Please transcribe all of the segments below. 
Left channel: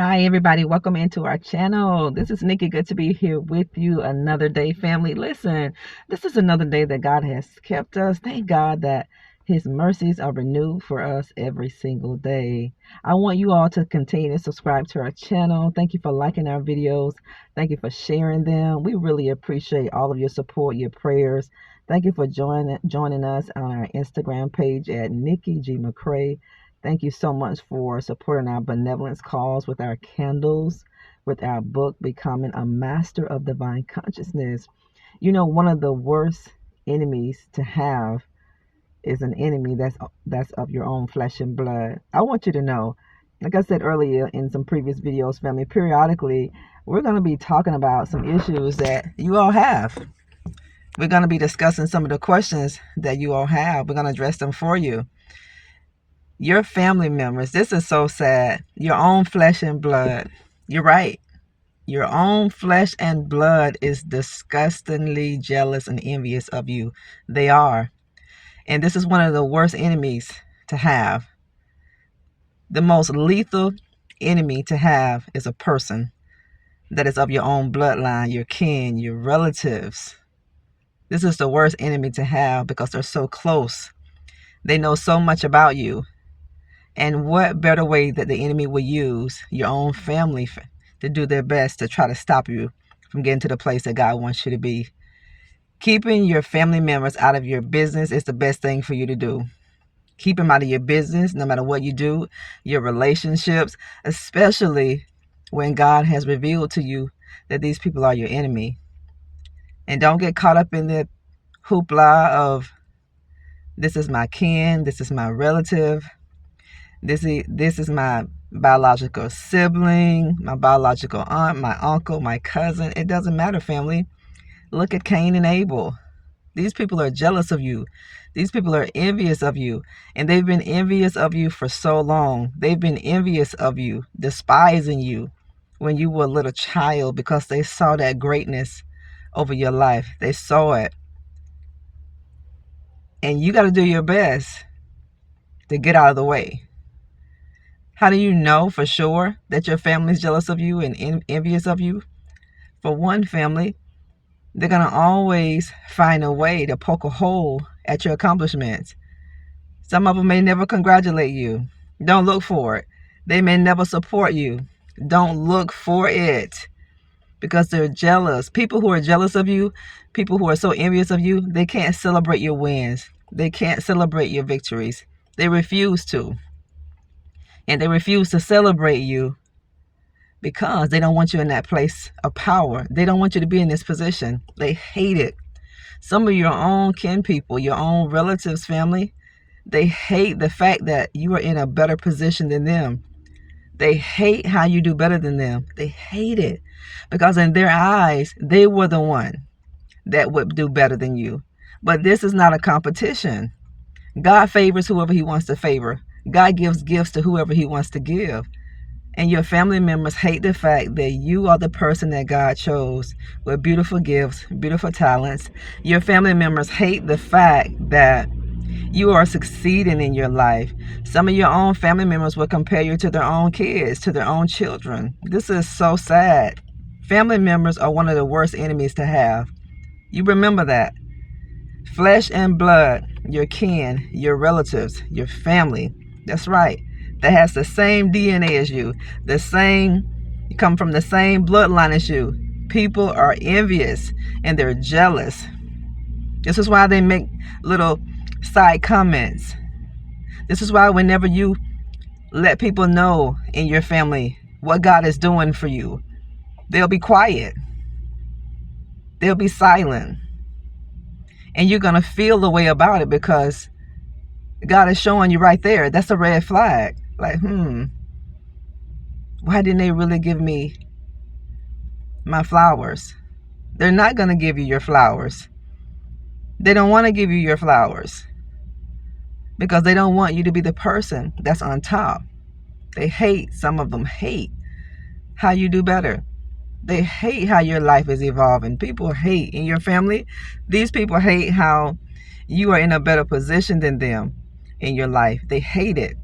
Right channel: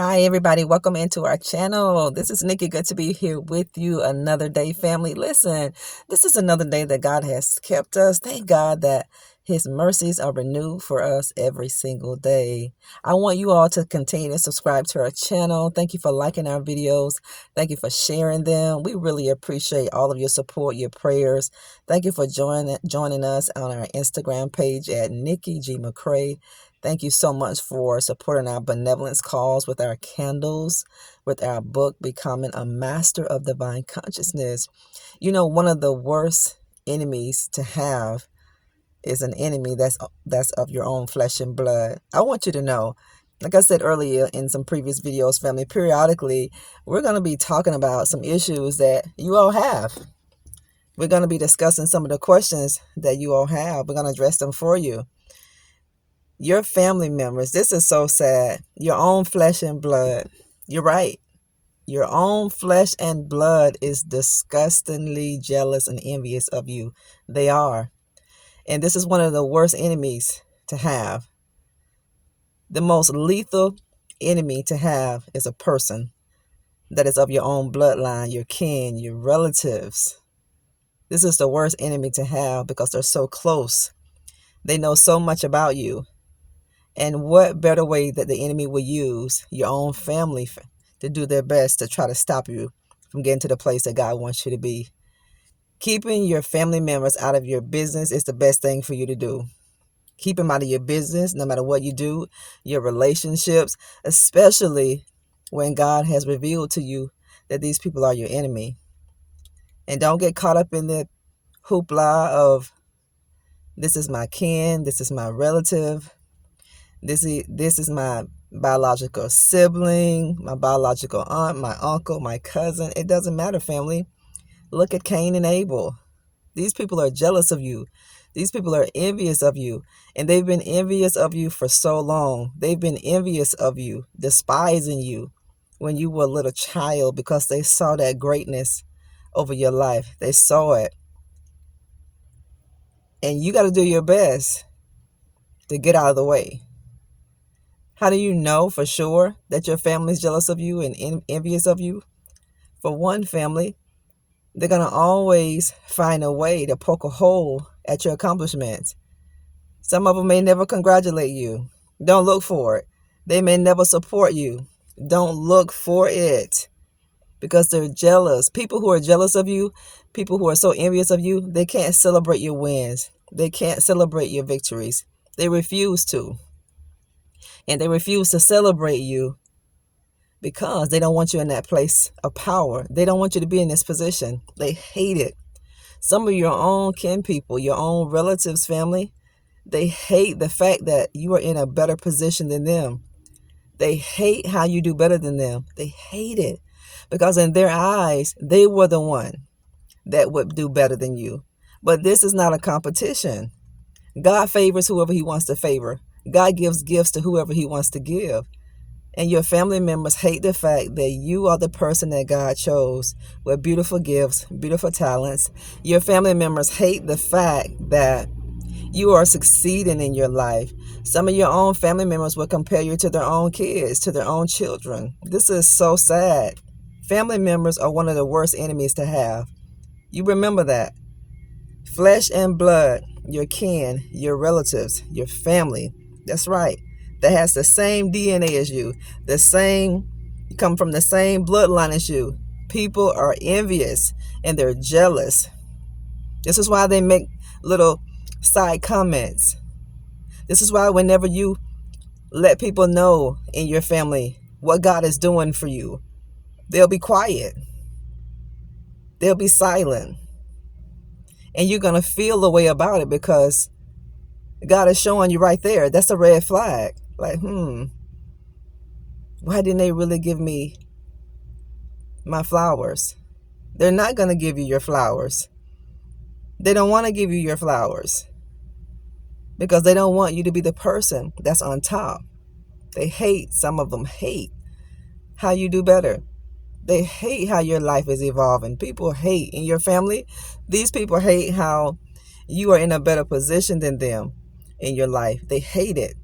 Hi, everybody. Welcome into our channel. This is Nikki. Good to be here with you another day, family. Listen, this is another day that God has kept us. Thank God that His mercies are renewed for us every single day. I want you all to continue to subscribe to our channel. Thank you for liking our videos. Thank you for sharing them. We really appreciate all of your support, your prayers. Thank you for joining us on our Instagram page at Nikki G. McCray. Thank you so much for supporting our benevolence cause with our candles, with our book, Becoming a Master of Divine Consciousness. You know, one of the worst enemies to have is an enemy that's of your own flesh and blood. I want you to know, like I said earlier in some previous videos, family, periodically, we're going to be talking about some issues that you all have. We're going to be discussing some of the questions that you all have. We're going to address them for you. Your family members, this is so sad. Your own flesh and blood. You're right. Your own flesh and blood is disgustingly jealous and envious of you. They are. And this is one of the worst enemies to have. The most lethal enemy to have is a person that is of your own bloodline, your kin, your relatives. This is the worst enemy to have because they're so close. They know so much about you. And what better way that the enemy will use your own family to do their best to try to stop you from getting to the place that God wants you to be. Keeping your family members out of your business is the best thing for you to do. Keep them out of your business, no matter what you do, your relationships, especially when God has revealed to you that these people are your enemy. And don't get caught up in the hoopla of, this is my kin, this is my relative. This is my biological sibling, my biological aunt, my uncle, my cousin. It doesn't matter, family. Look at Cain and Abel. These people are jealous of you. These people are envious of you. And they've been envious of you for so long. They've been envious of you, despising you when you were a little child because they saw that greatness over your life. They saw it. And you got to do your best to get out of the way. How do you know for sure that your family is jealous of you and envious of you? For one, family, they're going to always find a way to poke a hole at your accomplishments. Some of them may never congratulate you. Don't look for it. They may never support you. Don't look for it because they're jealous. People who are jealous of you, people who are so envious of you, they can't celebrate your wins. They can't celebrate your victories. They refuse to. And they refuse to celebrate you because they don't want you in that place of power. They don't want you to be in this position. They hate it. Some of your own kin people, your own relatives, family, they hate the fact that you are in a better position than them. They hate how you do better than them. They hate it because in their eyes, they were the one that would do better than you. But this is not a competition. God favors whoever He wants to favor. God gives gifts to whoever He wants to give. And your family members hate the fact that you are the person that God chose with beautiful gifts, beautiful talents. Your family members hate the fact that you are succeeding in your life. Some of your own family members will compare you to their own kids, to their own children. This is so sad. Family members are one of the worst enemies to have. You remember that. Flesh and blood, your kin, your relatives, your family. That's right. That has the same DNA as you. You come from the same bloodline as you. People are envious and they're jealous. This is why they make little side comments. This is why whenever you let people know in your family what God is doing for you, they'll be quiet. They'll be silent. And you're going to feel the way about it because God is showing you right there. That's a red flag. Like, why didn't they really give me my flowers? They're not going to give you your flowers. They don't want to give you your flowers because they don't want you to be the person that's on top. Some of them hate how you do better. They hate how your life is evolving. People hate in your family. These people hate how you are in a better position than them in your life. They hate it.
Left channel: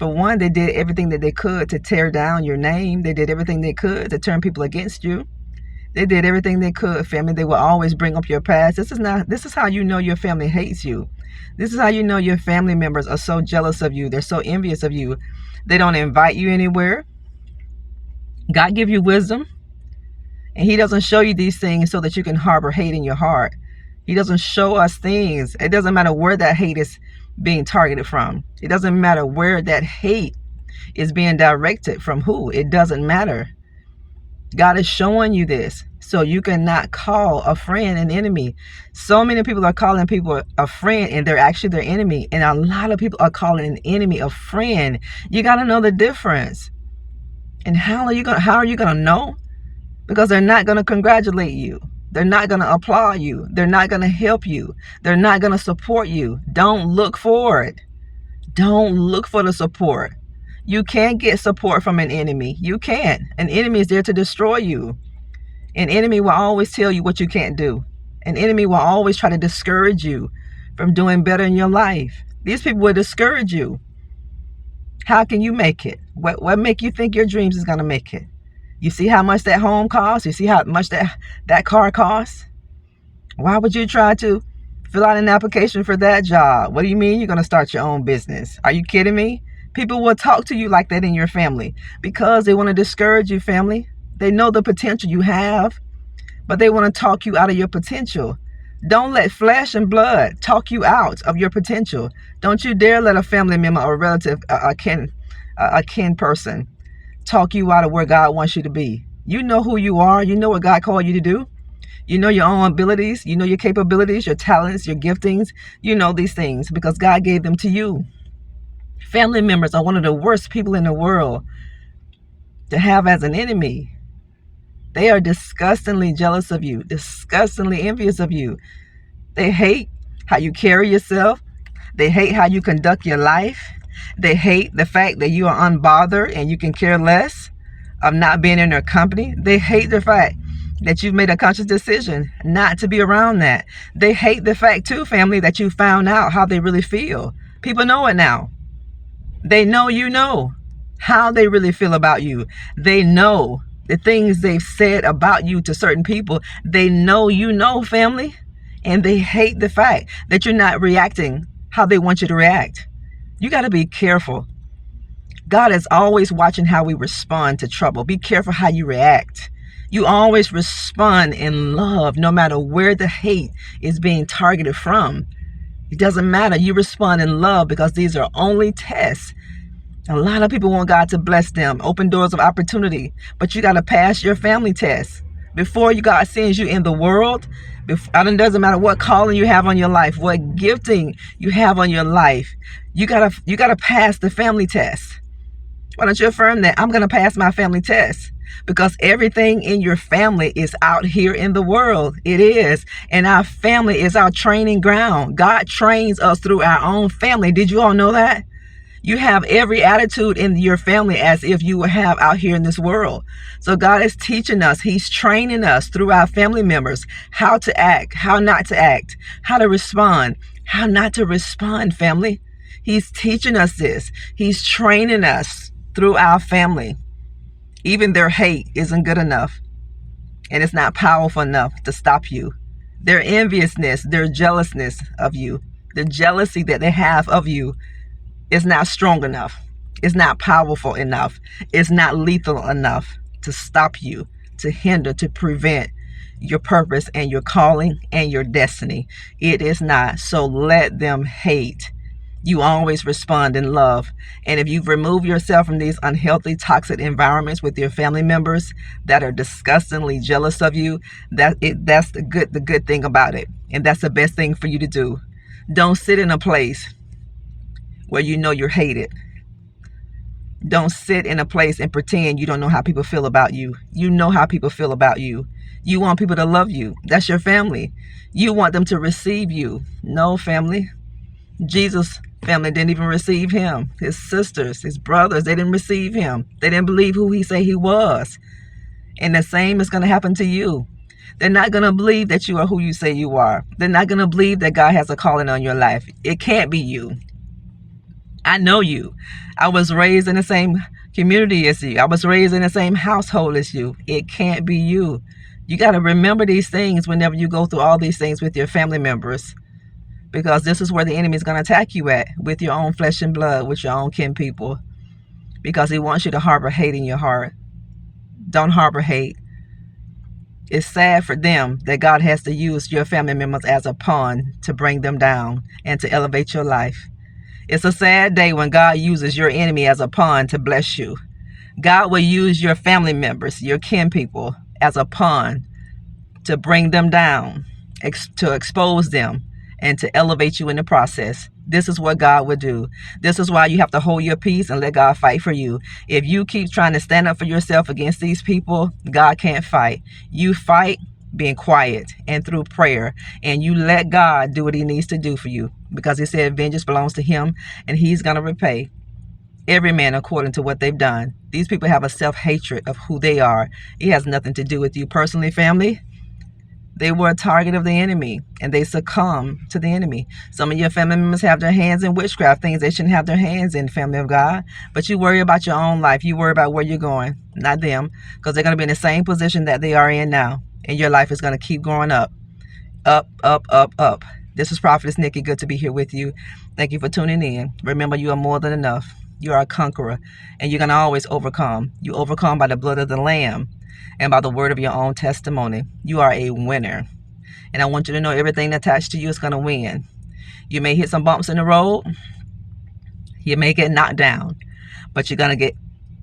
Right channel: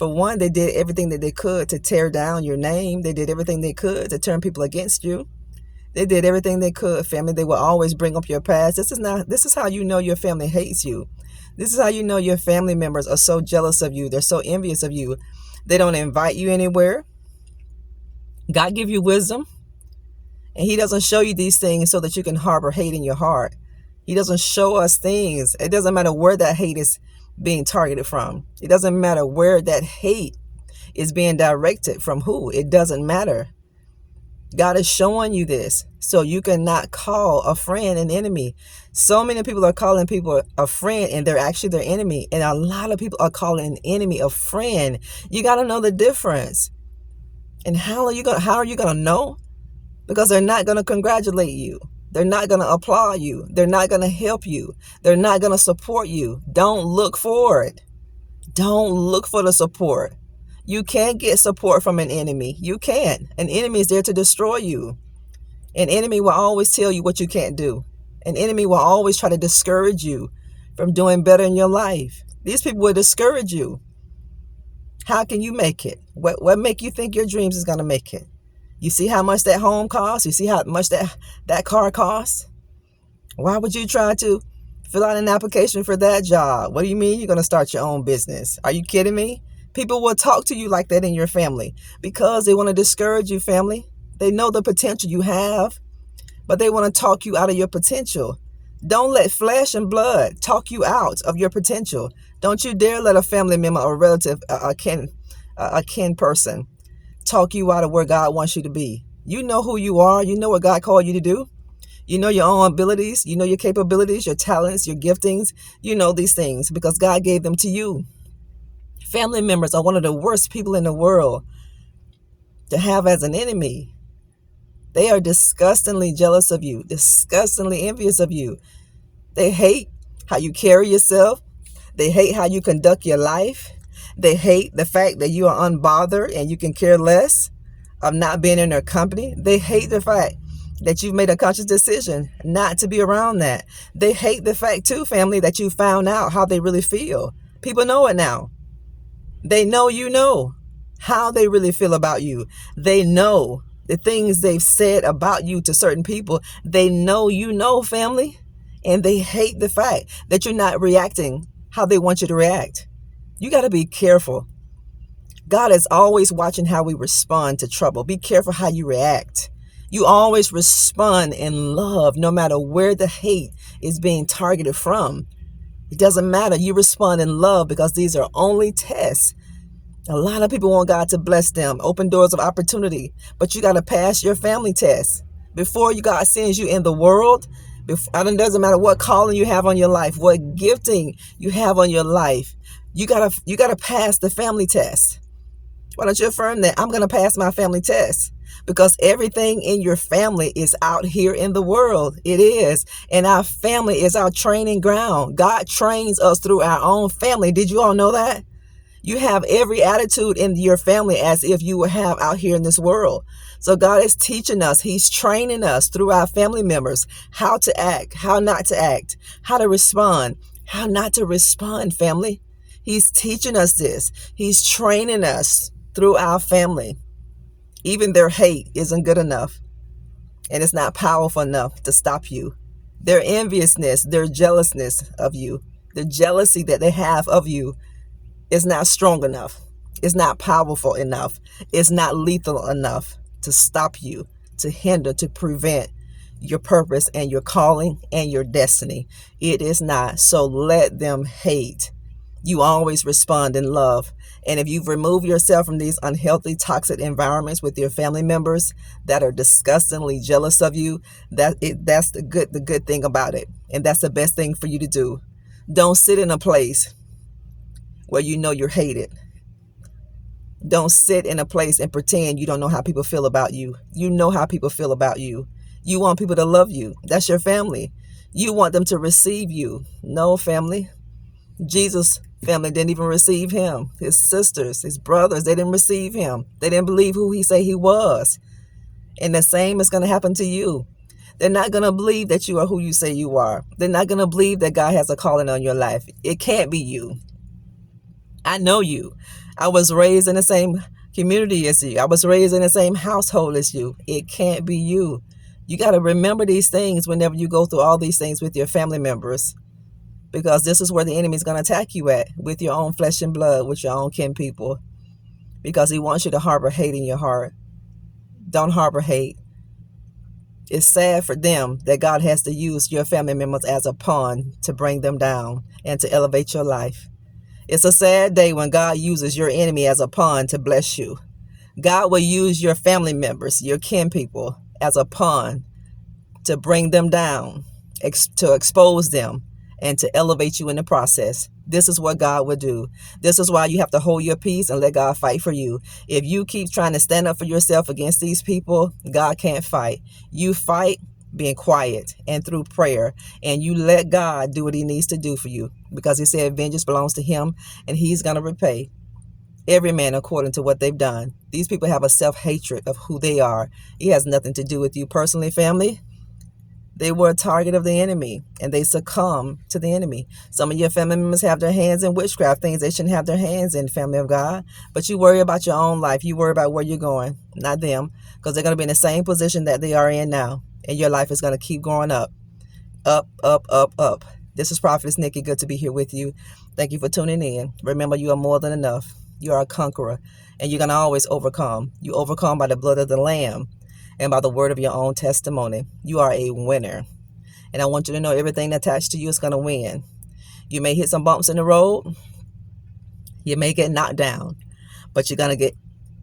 For one, they did everything that they could to tear down your name. They did everything they could to turn people against you. They did everything they could, family. They will always bring up your past. This is how you know your family hates you. This is how you know your family members are so jealous of you. They're so envious of you. They don't invite you anywhere. God give you wisdom, and he doesn't show you these things so that you can harbor hate in your heart. He doesn't show us things. It doesn't matter where that hate is being targeted from. It doesn't matter where that hate is being directed from who. It doesn't matter. God is showing you this so you cannot call a friend an enemy. So many people are calling people a friend and they're actually their enemy. And a lot of people are calling an enemy a friend. You got to know the difference. And how are you going to know? Because they're not going to congratulate you. They're not going to applaud you. They're not going to help you. They're not going to support you. Don't look for it. Don't look for the support. You can't get support from an enemy. You can't. An enemy is there to destroy you. An enemy will always tell you what you can't do. An enemy will always try to discourage you from doing better in your life. These people will discourage you. How can you make it? What make you think your dreams is going to make it? You see how much that home costs? You see how much that car costs? Why would you try to fill out an application for that job? What do you mean you're going to start your own business? Are you kidding me? People will talk to you like that in your family because they want to discourage you, family. They know the potential you have, but they want to talk you out of your potential. Don't let flesh and blood talk you out of your potential. Don't you dare let a family member or relative, a kin person, talk you out of where God wants you to be. You know who you are. You know what God called you to do. You know your own abilities. You know your capabilities, your talents, your giftings. You know these things because God gave them to you. Family members are one of the worst people in the world to have as an enemy. They are disgustingly jealous of you, disgustingly envious of you. They hate how you carry yourself. They hate how you conduct your life. They hate the fact that you are unbothered and you can care less of not being in their company. They hate the fact that you've made a conscious decision not to be around that. They hate the fact too, family, that you found out how they really feel. People know it now. They know you know how they really feel about you. They know the things they've said about you to certain people. They know you know, family. And they hate the fact that you're not reacting how they want you to react. You got to be careful. God is always watching how we respond to trouble. Be careful how you react. You always respond in love no matter where the hate is being targeted from. It doesn't matter. You respond in love because these are only tests. A lot of people want God to bless them, open doors of opportunity, but you got to pass your family test. Before God sends you in the world, it doesn't matter what calling you have on your life, what gifting you have on your life, you gotta pass the family test. Why don't you affirm that? I'm going to pass my family test. Because everything in your family is out here in the world. It is. And our family is our training ground. God trains us through our own family. Did you all know that? You have every attitude in your family as if you would have out here in this world. So God is teaching us. He's training us through our family members how to act, how not to act, how to respond, how not to respond, family. He's teaching us this. He's training us through our family. Even their hate isn't good enough, and it's not powerful enough to stop you. Their enviousness, their jealousness of you, the jealousy that they have of you is not strong enough. It's not powerful enough. It's not lethal enough to stop you, to hinder, to prevent your purpose and your calling and your destiny. It is not. So let them hate. You always respond in love. And if you've removed yourself from these unhealthy, toxic environments with your family members that are disgustingly jealous of you, that's the good thing about it. And that's the best thing for you to do. Don't sit in a place where you know you're hated. Don't sit in a place and pretend you don't know how people feel about you. You know how people feel about you. You want people to love you. That's your family. You want them to receive you. No, family. Jesus' family didn't even receive him. His sisters, his brothers, they didn't receive him. They didn't believe who he said he was. And the same is going to happen to you. They're not going to believe that you are who you say you are. They're not going to believe that God has a calling on your life. It can't be you. I know you. I was raised in the same community as you. I was raised in the same household as you. It can't be you. You got to remember these things whenever you go through all these things with your family members, because this is where the enemy is going to attack you at, with your own flesh and blood, with your own kin people, because he wants you to harbor hate in your heart. Don't harbor hate. It's sad for them that God has to use your family members as a pawn to bring them down and to elevate your life. It's a sad day when God uses your enemy as a pawn to bless you. God will use your family members, your kin people, as a pawn to bring them down, to expose them, and to elevate you in the process. This is what God would do. This is why you have to hold your peace and let God fight for you. If you keep trying to stand up for yourself against these people, God can't fight. You fight being quiet and through prayer, and you let God do what he needs to do for you, because he said vengeance belongs to him and he's going to repay every man according to what they've done. These people have a self-hatred of who they are. It has nothing to do with you personally, family. They were a target of the enemy, and they succumb to the enemy. Some of your family members have their hands in witchcraft, things they shouldn't have their hands in, family of God. But you worry about your own life. You worry about where you're going, not them, because they're going to be in the same position that they are in now, and your life is going to keep growing up, up, up, up, up. This is Prophetess Nikki. Good to be here with you. Thank you for tuning in. Remember, you are more than enough. You are a conqueror, and you're going to always overcome. You overcome by the blood of the Lamb and by the word of your own testimony. You are a winner. And I want you to know everything attached to you is going to win. You may hit some bumps in the road. You may get knocked down, but you're going to get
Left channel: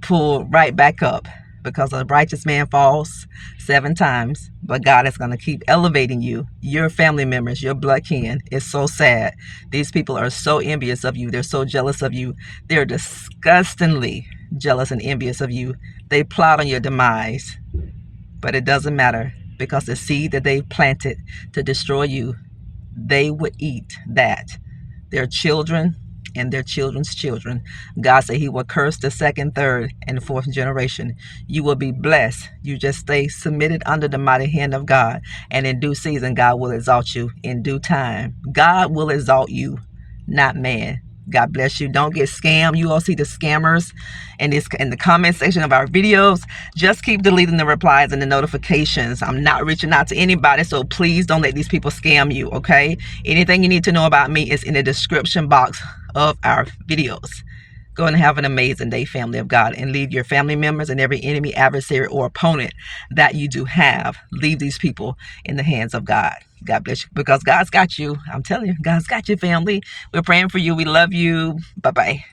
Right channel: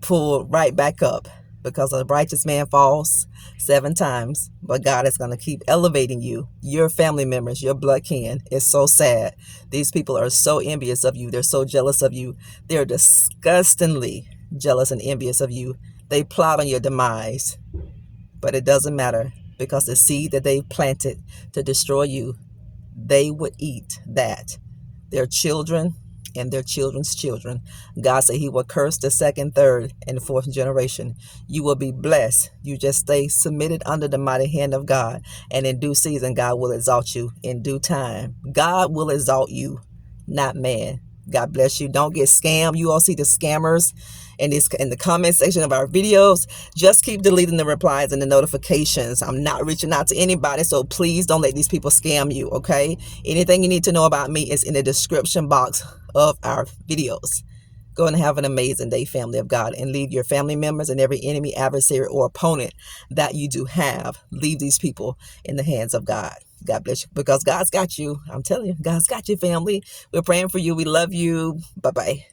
pulled right back up, because a righteous man falls 7 times, but God is going to keep elevating you. Your family members, your blood kin. It's so sad. These people are so envious of you. They're so jealous of you. They're disgustingly jealous and envious of you. They plot on your demise. But it doesn't matter, because the seed that they planted to destroy you, they would eat that. Their children and their children's children. God said he will curse the 2nd, 3rd, and 4th generation. You will be blessed. You just stay submitted under the mighty hand of God. And in due season, God will exalt you. In due time, God will exalt you, not man. God bless you. Don't get scammed. You all see the scammers in the comment section of our videos. Just keep deleting the replies and the notifications. I'm not reaching out to anybody, so please don't let these people scam you, okay? Anything you need to know about me is in the description box of our videos. Go and have an amazing day, family of God, and leave your family members and every enemy, adversary, or opponent that you do have. Leave these people in the hands of God. God bless you, because God's got you. I'm telling you, God's got you, family. We're praying for you. We love you. Bye-bye.